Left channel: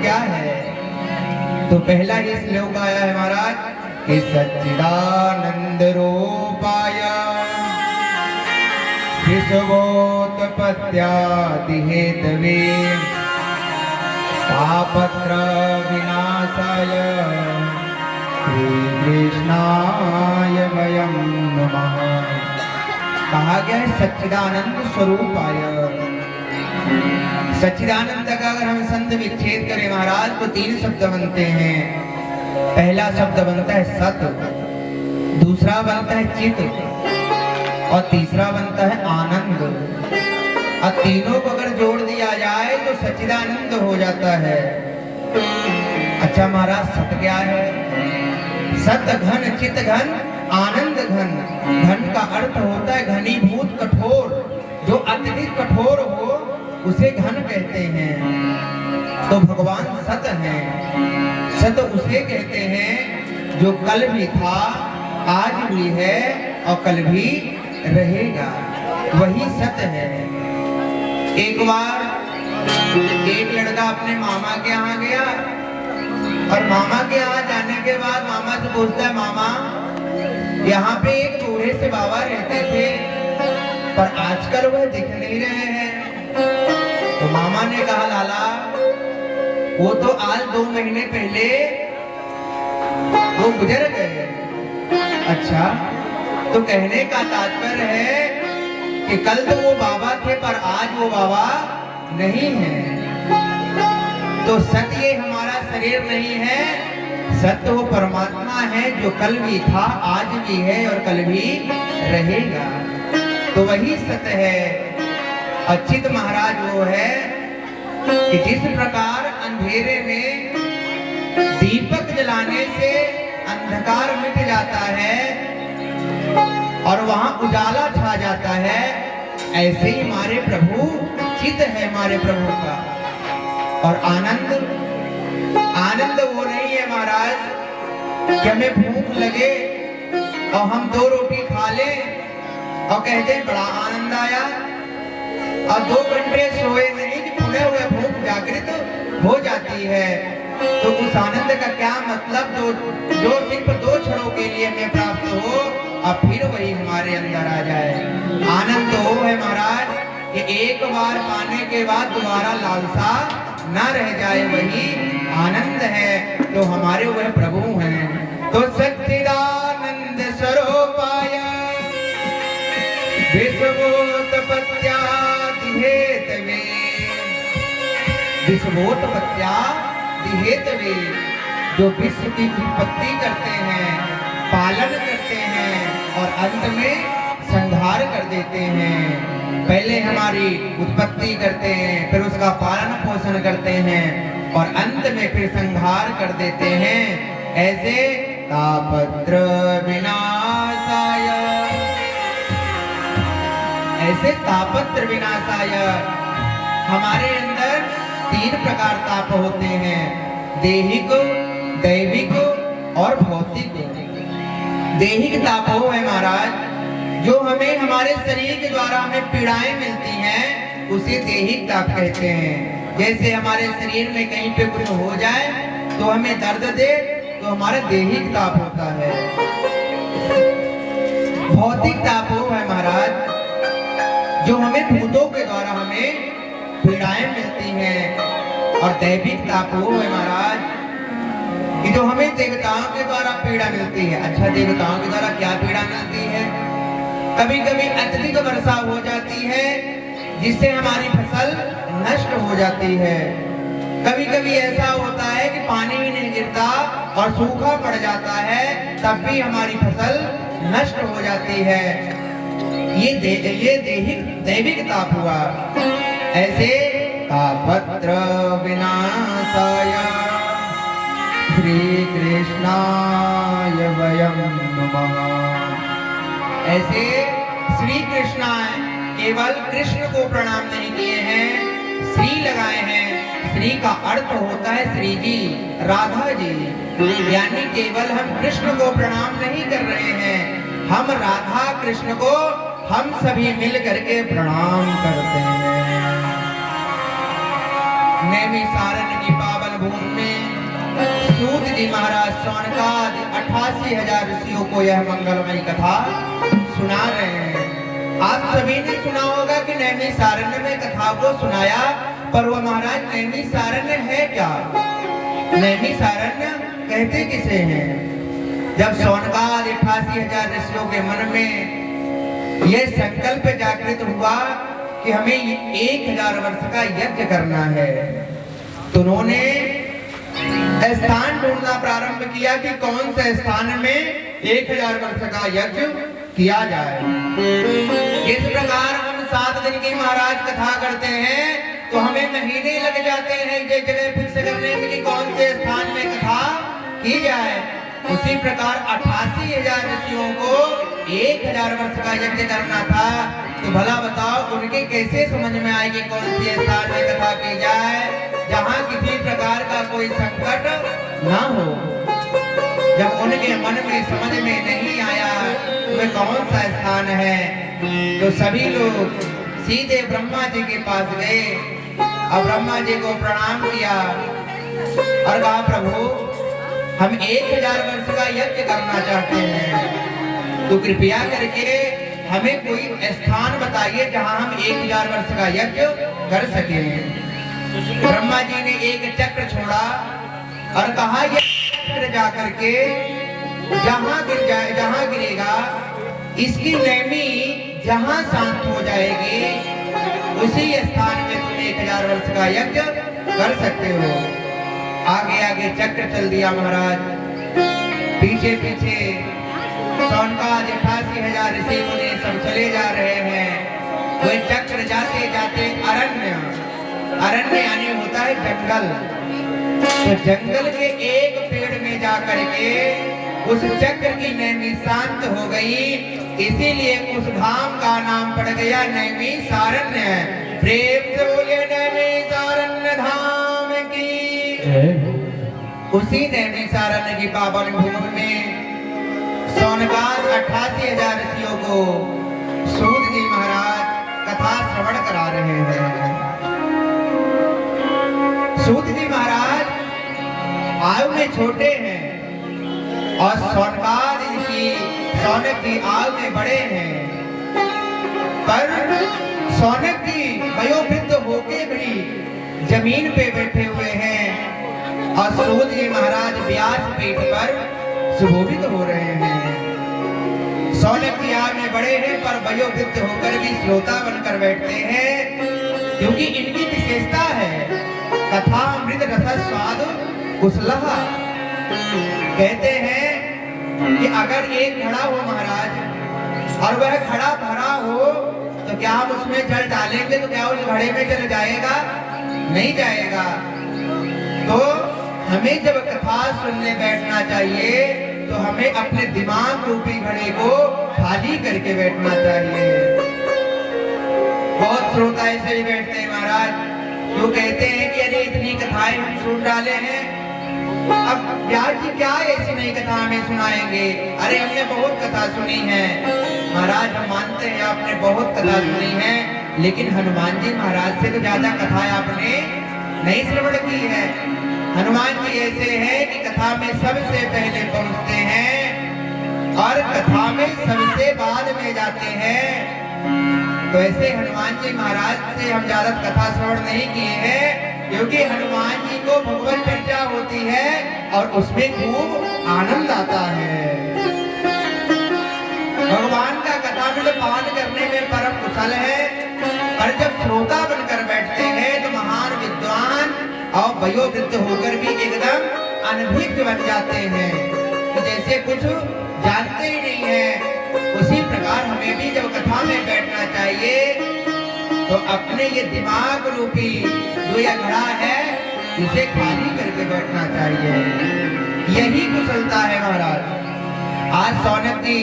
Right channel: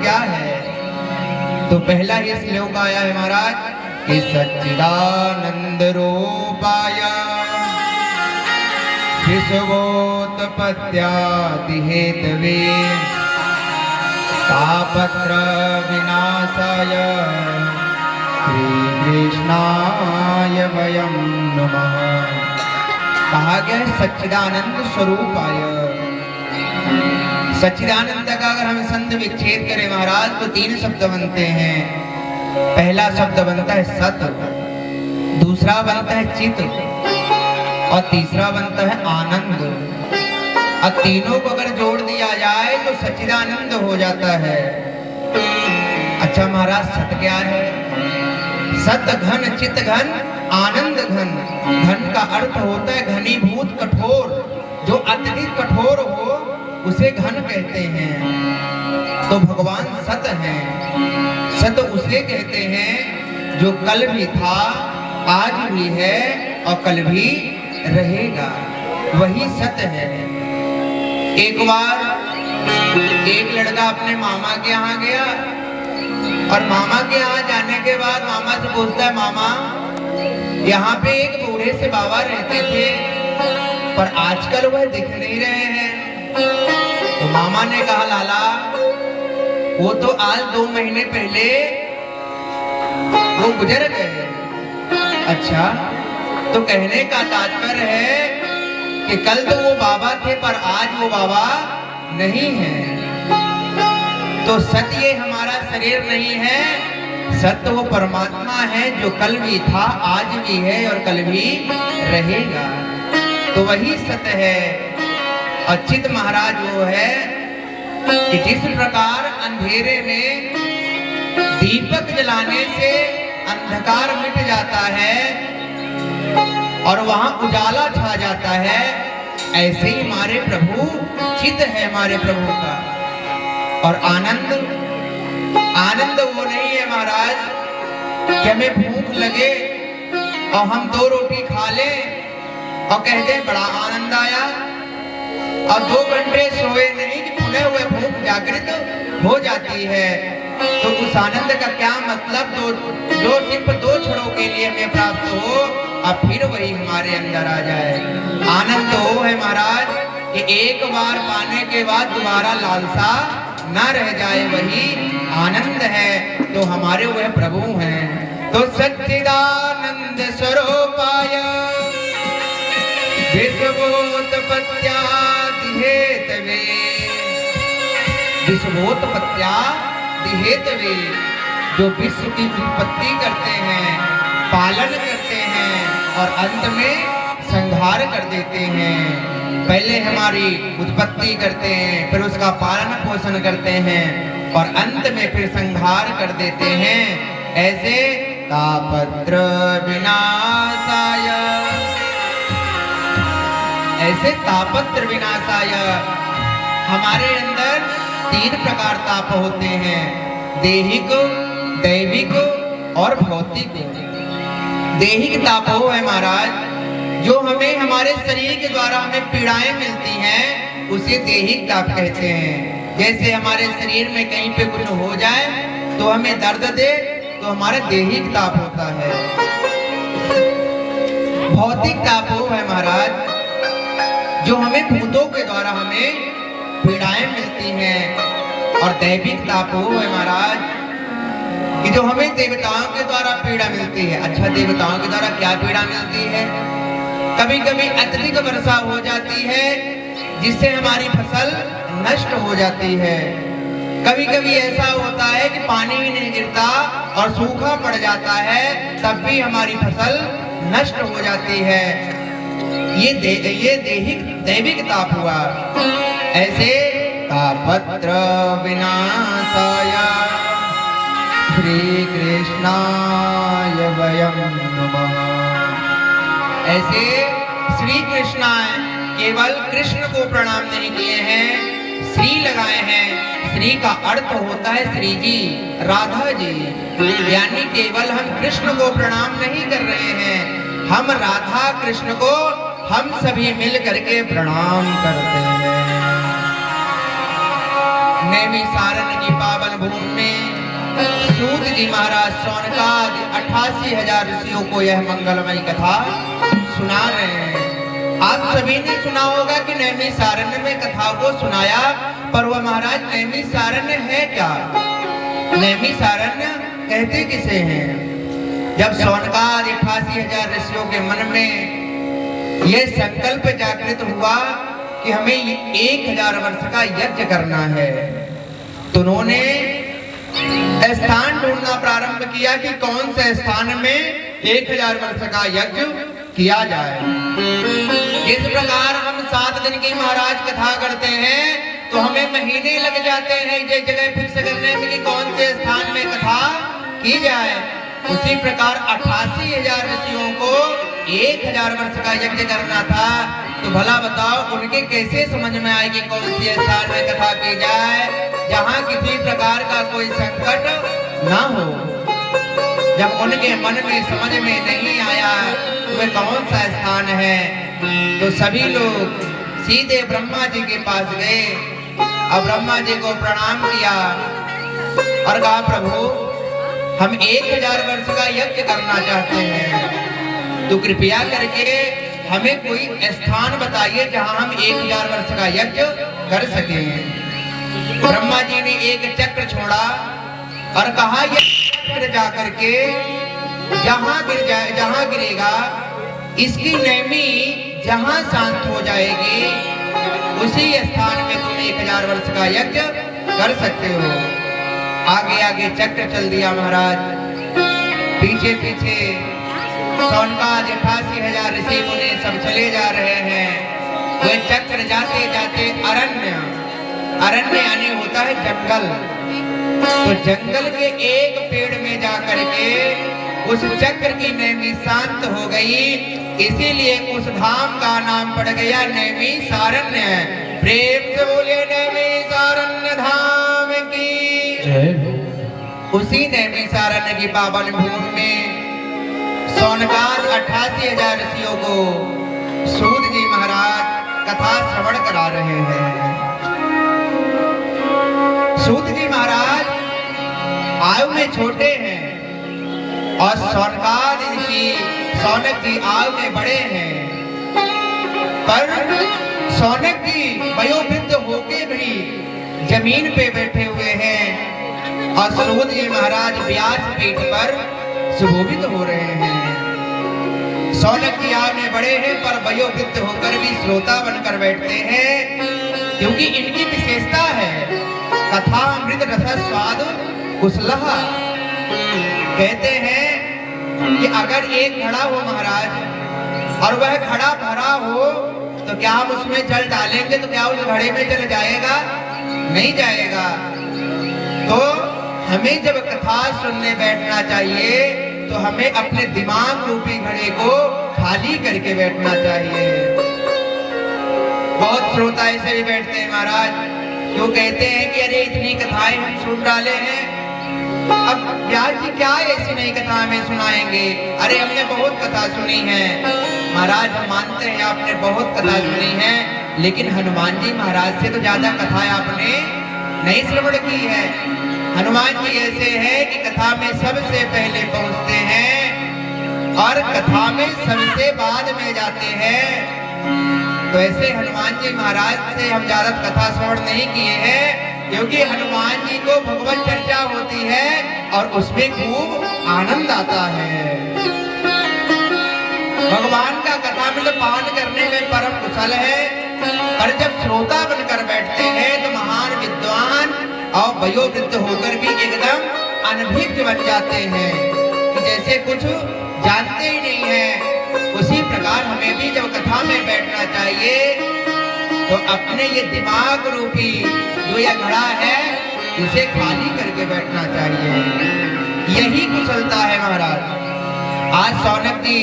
क्या है? तो पहला ही श्लोक आया है महाराज कि सच्चिदानंद रूपाय विश्वोत्पत्त्यादि हेतवे तापत्र विनाशाय श्री कृष्णाय वयं नमः। कहा गया है सच्चिदानंद स्वरूपाय। सच्चिदानंद का अगर हम संत विच्छेद करें महाराज तो 3 शब्द बनते हैं। पहला शब्द बनता है सत, दूसरा बनता है चित और तीसरा बनता है आनंद। अब तीनों को अगर जोड़ दिया जाए तो सच्चिदानंद हो जाता है। अच्छा महाराज सत क्या है? सत घन, चित घन, आनंद घन। घन का अर्थ होता है घनीभूत कठोर, जो अत्यधिक कठोर हो उसे घन कहते हैं। तो भगवान सत हैं। सत उसे कहते हैं जो कल भी था, आज भी है और कल भी रहेगा, वही सत है। एक बार एक लड़का अपने मामा के यहाँ गया और मामा के यहाँ जाने के बाद मामा से पूछता है, मामा यहाँ पे एक बूढ़े से बाबा रहते थे पर आजकल वह दिख नहीं रहे हैं। तो मामा ने कहा, लाला वो तो आज 2 महीने पहले वो गुजर गए। अच्छा, तो कहने का तात्पर्य है कि कल तो वो बाबा थे पर आज वो बाबा नहीं है। तो सत्य हमारा शरीर नहीं है, सत्य वो परमात्मा है जो कल भी था, आज भी है और कल भी रहेगा। तो वही सत्य है। अच्युत महाराज वो है कि जिस प्रकार अंधेरे में दीपक जलाने से अंधकार मिट जाता है और वहां उजाला छा जाता है, ऐसे ही हमारे प्रभु चित है हमारे प्रभु का। और आनंद, आनंद वो नहीं है महाराज कि हमें भूख लगे और हम 2 रोटी खा लें और कहते हैं बड़ा आनंद आया, और 2 घंटे सोए नहीं कि खुले हुए भूख जागृत हो जाती है। तो उस आनंद का क्या मतलब? जो सिर्फ 2 क्षणों के लिए हमें प्राप्त हो और फिर वही हमारे अंदर आ जाए। आनंद वो है महाराज कि एक बार पाने के बाद दोबारा लालसा न रह जाए, वही आनंद है। तो हमारे वह प्रभु हैं। तो सच्चिदानंद स्वरूपाय विश्वोत्पत्त्यादि हेतवे, विश्वोत्पत्त्यादि हेतवे, जो विश्व की उत्पत्ति करते हैं, पालन करते हैं और अंत में संहार कर देते हैं। पहले हमारी उत्पत्ति करते हैं, फिर उसका पालन पोषण करते हैं और अंत में फिर संहार कर देते हैं। ऐसे तापत्र विनाशाय, ऐसे तापत्र विनाशाय हमारे अंदर 3 प्रकार ताप होते हैं, देहिक, दैविक और भौतिक। देहिक ताप वो है महाराज जो हमें हमारे शरीर के द्वारा हमें पीड़ाएं मिलती हैं, उसे देहिक ताप कहते हैं। जैसे हमारे शरीर में कहीं पे कुछ हो जाए तो हमें दर्द दे तो हमारे देहिक ताप होता है। भौतिक ताप वो है महाराज जो हमें भूतों के द्वारा हमें पीड़ाएं मिलती हैं। और दैविक ताप वो है महाराज कि जो हमें देवताओं के द्वारा पीड़ा मिलती है। अच्छा, देवताओं के द्वारा क्या पीड़ा मिलती है? कभी कभी अत्यधिक वर्षा हो जाती है जिससे हमारी फसल नष्ट हो जाती है। कभी कभी ऐसा होता है कि पानी ही नहीं गिरता और सूखा पड़ जाता है, तब भी हमारी फसल नष्ट हो जाती है। ये दैविक ताप हुआ। ऐसे तापत्र विनाशाय श्री कृष्णाय वयं नमः। ऐसे श्री कृष्ण केवल कृष्ण को प्रणाम नहीं किए हैं, श्री लगाए हैं। श्री का अर्थ होता है श्री जी, राधा जी। यानी केवल हम कृष्ण को प्रणाम नहीं कर रहे हैं, हम राधा कृष्ण को हम सभी मिल करके प्रणाम करते हैं। नैमिषारण्य की पावन भूमि में सूत जी महाराज शौनकादि 88,000 ऋषियों को यह मंगलमयी कथा सुना रहे हैं। आप सभी ने सुना होगा कि नैमिषारण्य में कथा को सुनाया, पर वह महाराज नैमिषारण्य है क्या? नैमिषारण्य कहते किसे हैं? जब शौनकादि 88,000 ऋषियों के मन में यह संकल्प जागृत हुआ कि हमें 1000 वर्ष का यज्ञ करना है, तो उन्होंने स्थान ढूंढना प्रारंभ किया कि कौन से स्थान में 1000 वर्ष का यज्ञ किया जाए। इस प्रकार हम 7 दिन की महाराज कथा करते हैं तो हमें महीने लग जाते हैं ये जगह फिक्स करने में कि कौन से स्थान में कथा की जाए। उसी प्रकार 88,000 ऋषियों को 1000 वर्ष का यज्ञ करना था, तो भला बताओ उनके कैसे समझ में आएगी कौन सी स्थान में कथा की जाए जहाँ किसी प्रकार का कोई संकट ना हो। जब उनके मन में समझ में नहीं आया वह कौन सा स्थान है, तो सभी लोग सीधे ब्रह्मा जी के पास गए और ब्रह्मा जी को प्रणाम किया और कहा प्रभु हम 1000 वर्ष का यज्ञ करना चाहते हैं, तो कृपया करके हमें कोई स्थान बताइए जहां हम 1000 वर्ष का यज्ञ कर सके। ब्रह्मा जी ने एक चक्र छोड़ा और कहा यह चक्र जाकर के जहां गिरेगा इसकी नैमी जहां शांत हो जाएगी उसी स्थान में तुम 1000 वर्ष का यज्ञ कर सकते हो। आगे आगे चक्र चल दिया महाराज, पीछे पीछे शौनकादि 88,000 ऋषि मुनि सब चले जा रहे हैं। वह चक्र जाते जाते अरण्य यानी होता है जंगल, तो जंगल के एक पेड़ में जाकर के उस चक्र की नैमी शांत हो गई, इसीलिए उस धाम का नाम पड़ गया नैमिषारण्य। प्रेम से बोले नैमिषारण्य धाम की। उसी नैमिषारण्य की पावन भूमि में शौनकादि 88,000 ऋषियों को सूत जी महाराज कथा श्रवण करा रहे हैं। सूत जी महाराज आयु में छोटे हैं और शौनक जी आयु में बड़े हैं, पर शौनक जी वयोवृद्ध होके भी जमीन पे बैठे हुए हैं और सूत जी महाराज व्यास पीठ पर सुशोभित हो रहे हैं। शौनक जी आयु में बड़े हैं पर वयोवृद्ध होकर भी श्रोता बनकर बैठते हैं, क्योंकि इनकी विशेषता है कथा अमृत रस स्वाद कुशलः। कहते हैं कि अगर एक घड़ा हो महाराज और वह घड़ा भरा हो तो क्या हम उसमें जल डालेंगे तो क्या उस घड़े में जल जाएगा? नहीं जाएगा। तो हमें जब कथा सुनने बैठना चाहिए तो हमें अपने दिमाग रूपी घड़े को खाली करके बैठना चाहिए। बहुत श्रोता ऐसे भी बैठते हैं महाराज, जो कहते हैं कि अरे इतनी कथाएं हम सुन डाले हैं, अब व्यास जी क्या ऐसी नई कथा हमें सुनाएंगे? अरे हमने बहुत कथा सुनी है महाराज, हम मानते हैं आपने बहुत कथा सुनी है, लेकिन हनुमान जी महाराज से तो ज्यादा कथाएं आपने नहीं श्रवण की है। हनुमान जी ऐसे हैं कि कथा में सबसे पहले पहुंचते हैं और कथा में सबसे बाद में जाते हैं। तो ऐसे हनुमान जी महाराज से हम ज्यादा कथा श्रवण नहीं किए हैं, क्योंकि हनुमान जी को भगवत चर्चा होती है और उसमें खूब आनंद आता है। भगवान का कथा में तो पाठ करने में परम कुशल है, और जब श्रोता बनकर बैठते हैं तो महान विद्वान और वयोवृद्ध होकर भी एकदम अनभिज्ञ बन जाते हैं कि जैसे कुछ जानते ही नहीं है। उसी प्रकार हमें भी जब कथा में बैठना चाहिए तो अपने ये दिमाग रूपी जो यह घड़ा है इसे खाली करके बैठना चाहिए। यही कुशलता है महाराज। आज शौनक जी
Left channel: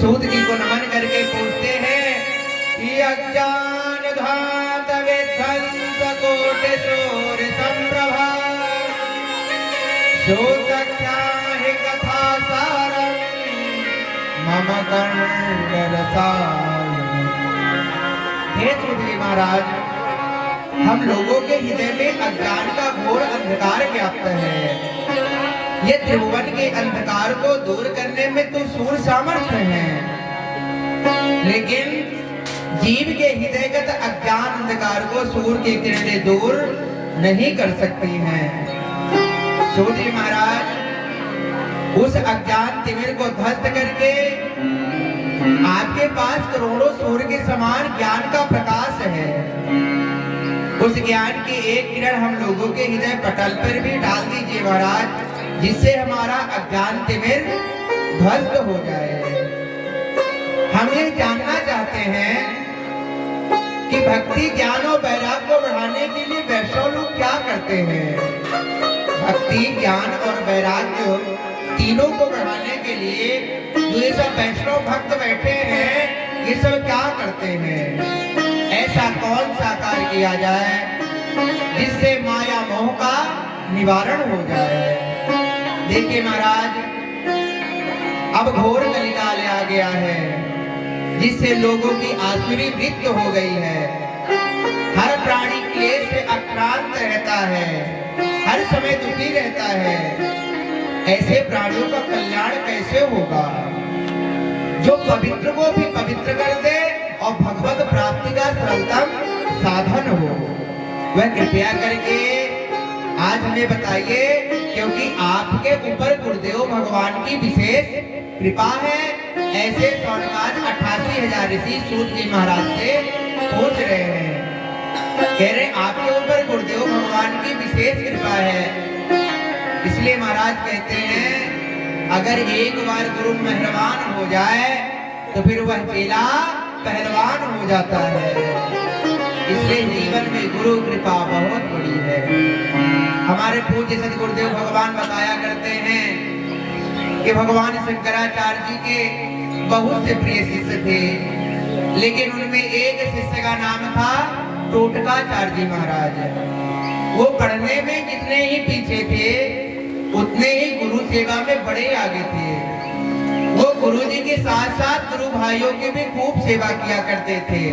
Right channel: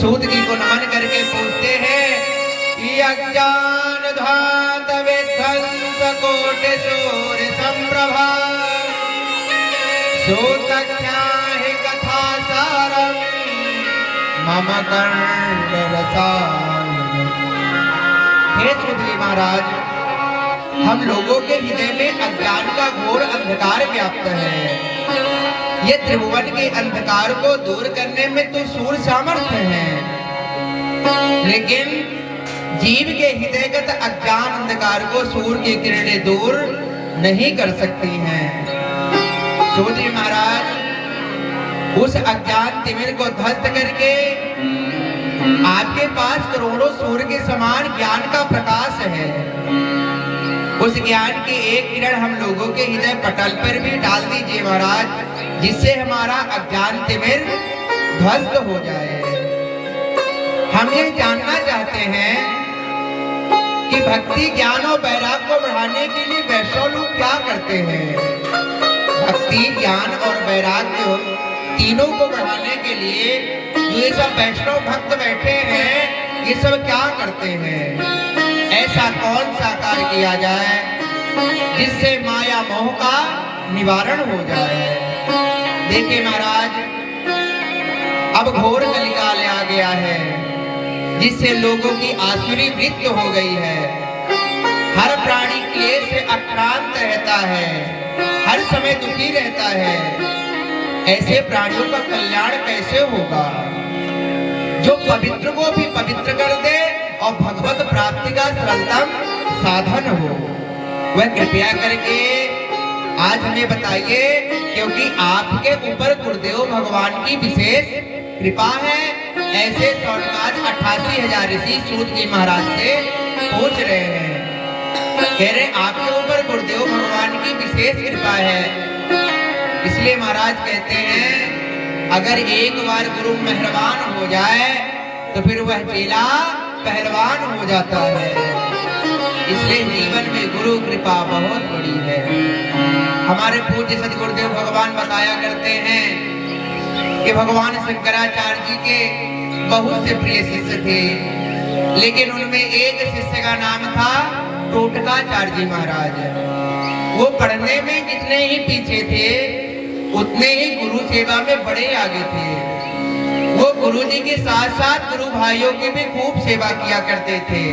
सूत जी को नमन करके पूछते हैं कि अज्ञान धात विध्वंस कोटि सूर्य संप्रभा सूतज्ञाहि कथा सारम मम कंठ रसायन। हे सूत जी महाराज, हम लोगों के हृदय में अज्ञान का घोर अंधकार व्याप्त है। ये त्रिभुवन के अंधकार को दूर करने में तो सूर्य सामर्थ्य है, लेकिन जीव के हृदयगत अज्ञान अंधकार को सूर्य की किरणें दूर नहीं कर सकती हैं। सूर्य महाराज उस अज्ञान तिमिर को ध्वस्त करके आपके पास करोड़ों सूर्य के समान ज्ञान का प्रकाश है। उस ज्ञान की एक किरण हम लोगों के हृदय पटल पर भी डाल दीजिए महाराज, जिससे हमारा अज्ञान तिमिर ध्वस्त हो जाए। हम ये जानना चाहते हैं कि भक्ति ज्ञान और वैराग्य को बढ़ाने के लिए वैष्णव लोग क्या करते हैं। भक्ति ज्ञान और वैराग्य तीनों को बढ़ाने के लिए जो ये सब वैष्णव भक्त बैठे हैं, ये सब क्या करते हैं। ऐसा कौन सा कार्य किया जाए जिससे माया मोह का निवारण हो जाए। देखिए महाराज, अब घोर कलिकाल आ गया है, जिससे लोगों की आसुरी मृत्यु हो गई है। हर प्राणी क्लेश से अक्रांत रहता है, हर समय दुखी रहता है। ऐसे प्राणियों का कल्याण कैसे होगा। जो पवित्र को भी पवित्र कर दे और भगवत प्राप्ति का सरलतम साधन हो, वह कृपया करके आज हमें बताइए, क्योंकि आपके ऊपर गुरुदेव भगवान की विशेष कृपा है। ऐसे सौनकाज 88,000 ऋषि सूत जी महाराज से पूछ रहे हैं, कह रहे आपके ऊपर गुरुदेव भगवान की विशेष कृपा है। इसलिए महाराज कहते हैं, अगर एक बार गुरु मेहरबान हो जाए तो फिर वह चेला पहलवान हो जाता है। इसलिए जीवन में गुरु कृपा बहुत बड़ी है। हमारे पूज्य सदगुरुदेव भगवान बताया करते हैं कि भगवान शंकराचार्य जी के बहुत से प्रिय शिष्य थे, लेकिन उनमें एक शिष्य का नाम था टोटकाचार्य जी महाराज। वो पढ़ने में जितने ही पीछे थे, उतने ही गुरु सेवा में बड़े आगे थे। वो गुरु जी के साथ साथ गुरु भाइयों की भी खूब सेवा किया करते थे।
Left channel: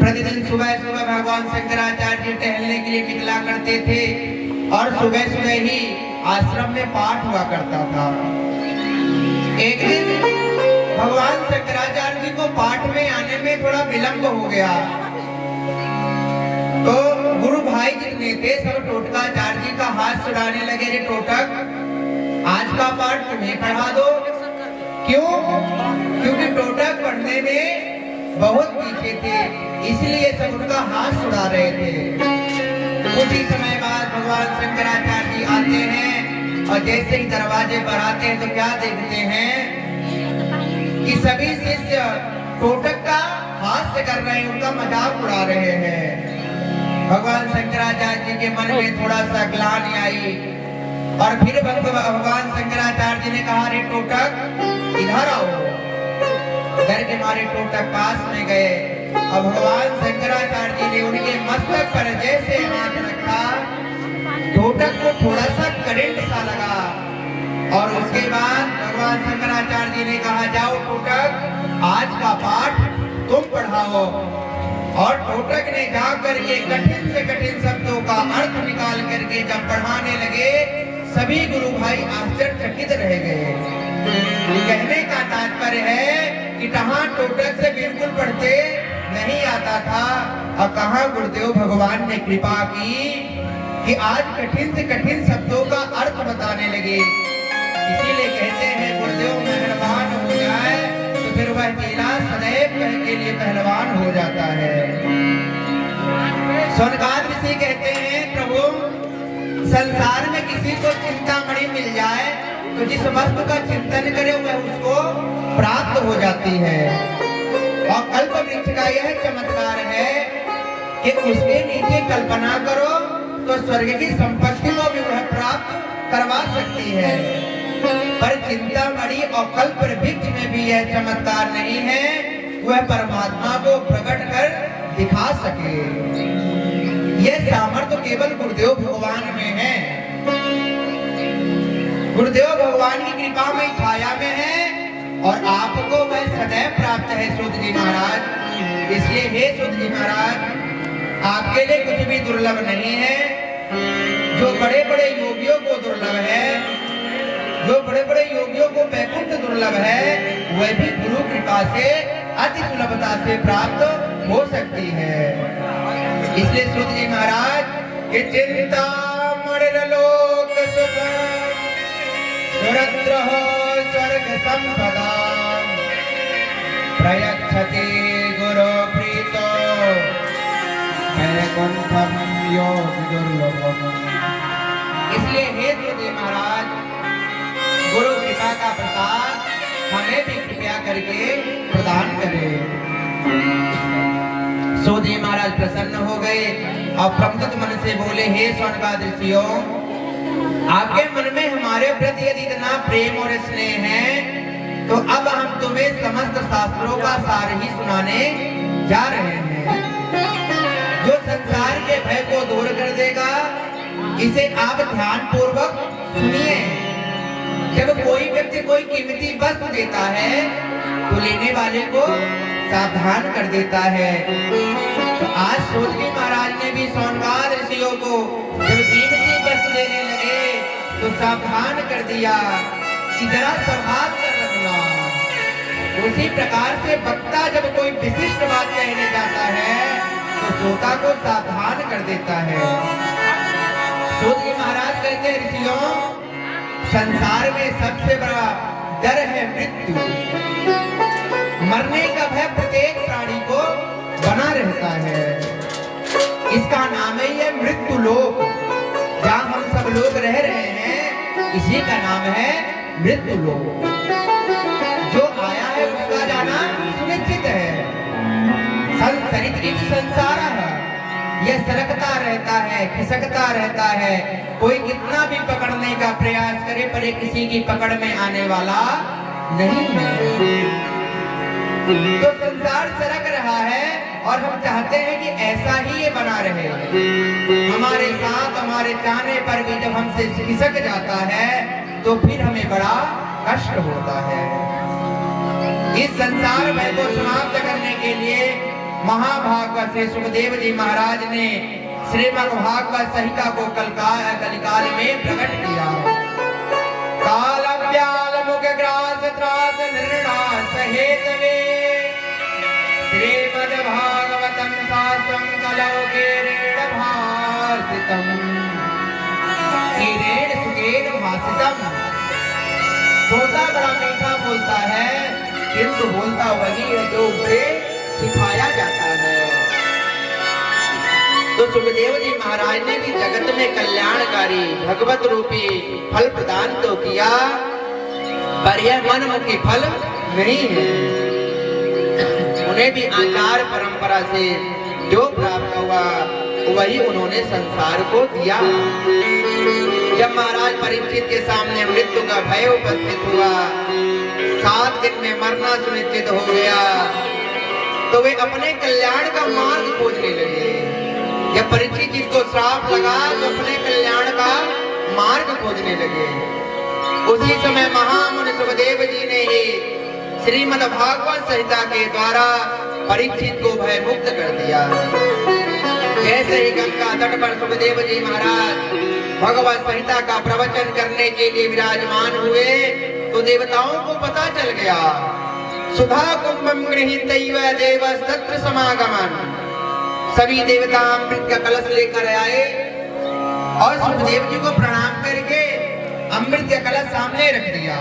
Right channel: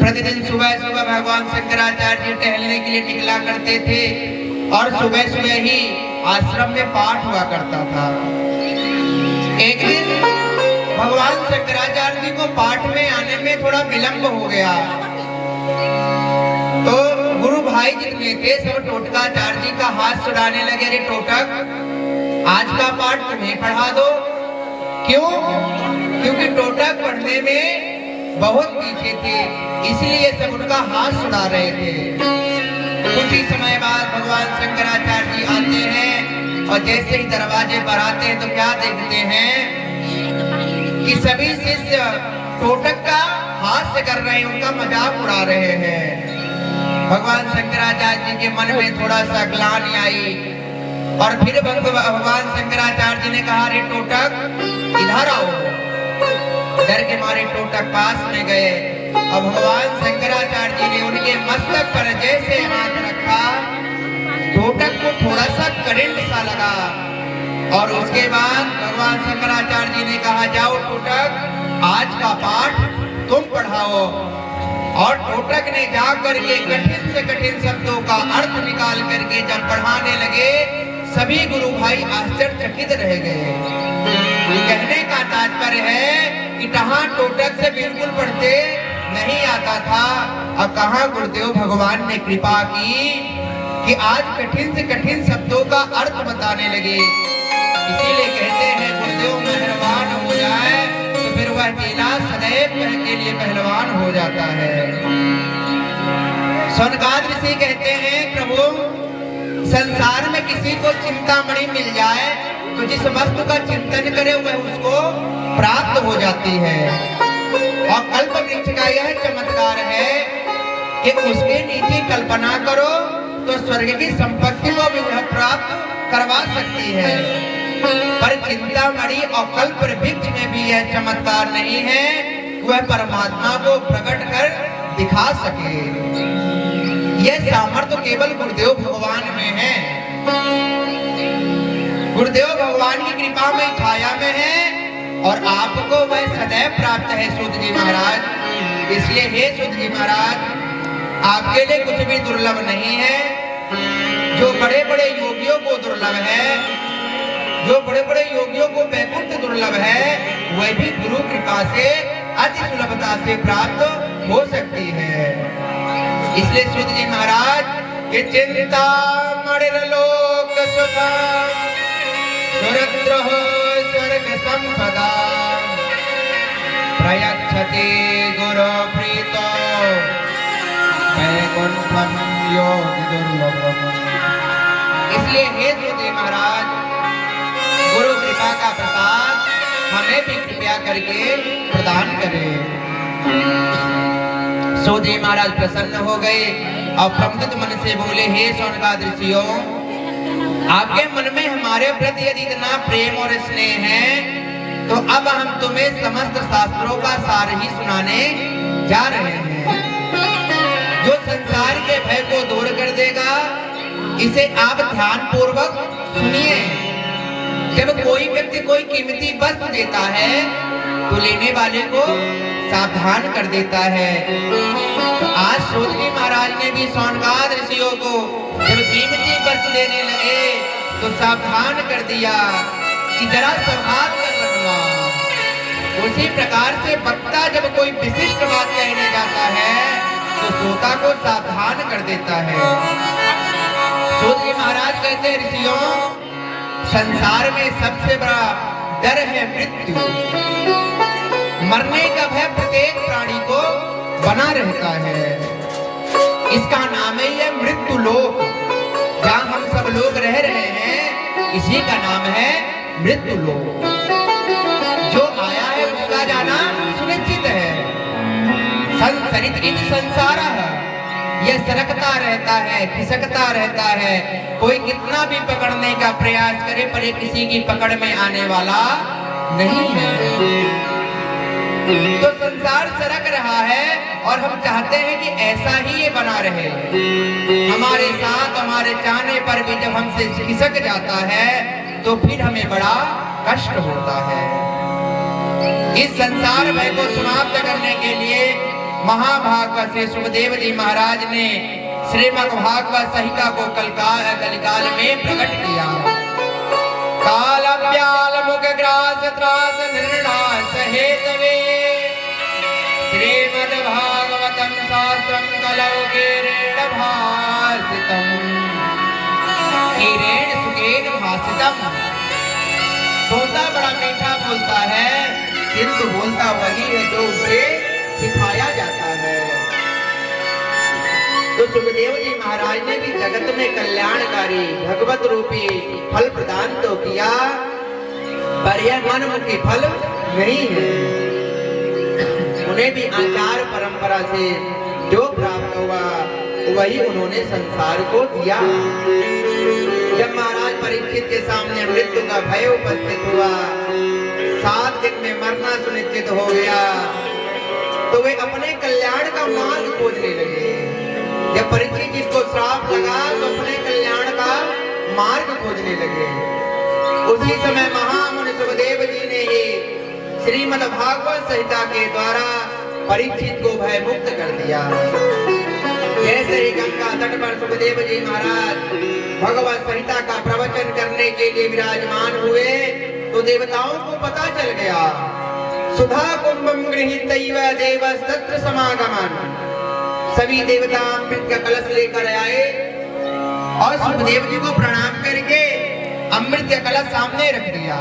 प्रतिदिन सुबह सुबह भगवान शंकराचार्य जी टहलने के लिए निकला करते थे और सुबह सुबह ही आश्रम में पाठ हुआ करता था। एक दिन भगवान शंकराचार्य जी को पाठ में आने में थोड़ा विलंब हो गया, तो गुरु भाई जितने थे सब टोटकाचार्य जी का हाथ छुड़ाने लगे। अरे टोटक, आज का पाठ तुम्हें पढ़ा दो। क्यों? क्योंकि टोटक पढ़ने में बहुत पीछे थे, इसलिए सब उनका हाथ छुड़ा रहे थे। कुछ ही समय बाद भगवान शंकराचार्य जी आते हैं और जैसे ही दरवाजे पर आते हैं तो क्या देखते हैं कि सभी शिष्य टोटक का हास्य कर रहे हैं, उनका मजाक उड़ा रहे हैं। भगवान शंकराचार्य जी के मन में थोड़ा सा ग्लानि आई और फिर भगवान शंकराचार्य जी ने कहा, रे टोटक इधर आओ। डर के मारे टोटक पास में गए और भगवान शंकराचार्य जी ने उनके मस्तक पर जैसे हाथ रखा, टोटक को थोड़ा सा करंट सा लगा और उसके बाद भगवान शंकराचार्य जी ने कहा, जाओ टोटक, आज का पाठ तुम पढ़ाओ। और टोटक ने जाकर के कठिन से कठिन शब्दों का अर्थ निकाल करके जब पढ़ाने लगे, सभी गुरु भाई आश्चर्यचकित रह गए। कहने का तात्पर्य है कि कहाँ टोटक से बिल्कुल पढ़ते नहीं आता था और कहाँ गुरुदेव भगवान ने कृपा की कि आज कठिन से कठिन शब्दों का अर्थ बताने लगे। इसीलिए कहते हैं, गुरुदेव मेहरबान हो जाए तो फिर वह चेला सदैव के लिए पहलवान हो जाता है। सौनकाद ऋषि कहते हैं, प्रभु संसार में किसी को चिंतामणि मिल जाए तो जिस वस्तु का चिंतन करे वह उसको प्राप्त हो जाती है। और कल्प वृक्ष का यह चमत्कार है कि उसके नीचे कल्पना करो तो स्वर्ग की संपत्ति को भी वह प्राप्त करवा सकती है। पर चिंतामणि और कल्प वृक्ष में भी यह चमत्कार नहीं है, वह परमात्मा को प्रकट कर दिखा सके। यह सामर्थ्य केवल गुरुदेव भगवान में है। गुरुदेव भगवान की कृपा में छाया में है और आपको वह सदैव प्राप्त है सूत जी महाराज। इसलिए हे सूत जी महाराज, आपके लिए कुछ भी दुर्लभ नहीं है। जो बड़े बड़े योगियों को दुर्लभ है, जो बड़े बड़े योगियों को वैकुंठ दुर्लभ है, वह भी गुरु कृपा से अति सुलभता से प्राप्त हो सकती है। इसलिए सूत जी महाराज कि चिंता मणिर्लोक सुखम सुरद्रोह स्वर्ग संपदा प्रयच्छति गुरु प्रीतो वैकुंठम योगी दुर्लभम। इसलिए हे सूत महाराज, गुरु कृपा का प्रसाद हमें भी कृपया करके प्रदान करें। सूत जी महाराज प्रसन्न हो गए और प्रमुदित मन से बोले, हे स्वर्गाद ऋषियों, आपके मन में हमारे प्रति यदि इतना प्रेम और स्नेह है तो अब हम तुम्हें समस्त शास्त्रों का सार ही सुनाने जा रहे हैं, जो संसार के भय को दूर कर देगा। इसे आप ध्यान पूर्वक सुनिए। जब कोई व्यक्ति कोई कीमती वस्तु देता है तो लेने वाले को सावधान कर देता है। तो आज सूत जी महाराज ने भी सौनकाद ऋषियों को जब कीमती वस्तु देने लगे तो सावधान कर दिया कि जरा संभाल कर रखना। उसी प्रकार से वक्ता जब कोई विशिष्ट बात कहने जाता है तो श्रोता को सावधान कर देता है। सूत जी महाराज कहते हैं, ऋषियों, संसार में सबसे बड़ा डर है मृत्यु। मरने का भय प्रत्येक प्राणी को बना रहता है। इसका नाम ही है मृत्यु लोक। जहाँ हम सब लोग रह रहे हैं इसी का नाम है मृत्यु लोक। जो आया है उसका जाना सुनिश्चित है। संसरित संसार यह सरकता रहता है, खिसकता रहता है। कोई कितना भी पकड़ने का प्रयास करे पर ये किसी की पकड़ में आने वाला नहीं है। तो संसार सरक रहा है और हम चाहते हैं कि ऐसा ही ये बना रहे। हमारे साथ हमारे चाहने पर भी जब हमसे खिसक जाता है तो फिर हमें बड़ा कष्ट होता है। इस संसार भय को समाप्त करने के लिए महाभागवत श्री सुखदेव जी महाराज ने श्रीमद् भागवत संहिता को कलिकाल में प्रकट किया। काल व्याल मुख ग्रास त्रास निर्णास हेतवे श्रीमद् भागवतम शास्त्रम कलौ गिरेण भासितम गिरेण सुखेन भासितम। बोलता बड़ा मीठा बोलता है किंतु बोलता वही है जो उसे सिखाया जाता है। तो सुखदेव जी महाराज ने भी जगत में कल्याणकारी भगवत रूपी फल प्रदान तो किया, पर यह मनमुखी फल नहीं है। उन्हें भी आचार परंपरा से जो प्राप्त हुआ वही उन्होंने संसार को दिया। जब महाराज परीक्षित के सामने मृत्यु का भय उपस्थित हुआ, 7 दिन में मरना सुनिश्चित हो गया, तो वे अपने कल्याण का मार्ग खोजने लगे। जब परीक्षित जिसको श्राप लगा तो अपने कल्याण का मार्ग खोजने लगे। उसी समय महामुनि सुखदेव जी ने ही श्रीमद् भागवत संहिता के द्वारा परीक्षित को भय मुक्त कर दिया। जैसे ही गंगा तट पर सुखदेव जी महाराज भगवत संहिता का प्रवचन करने के लिए विराजमान हुए तो देवताओं को पता चल गया। सुधा कुंभम गृहीतैव देवस्तत्र समागमन। सभी देवता अमृत का कलश लेकर आए और सुखदेव जी को प्रणाम करके अमृत का कलश सामने रख दिया।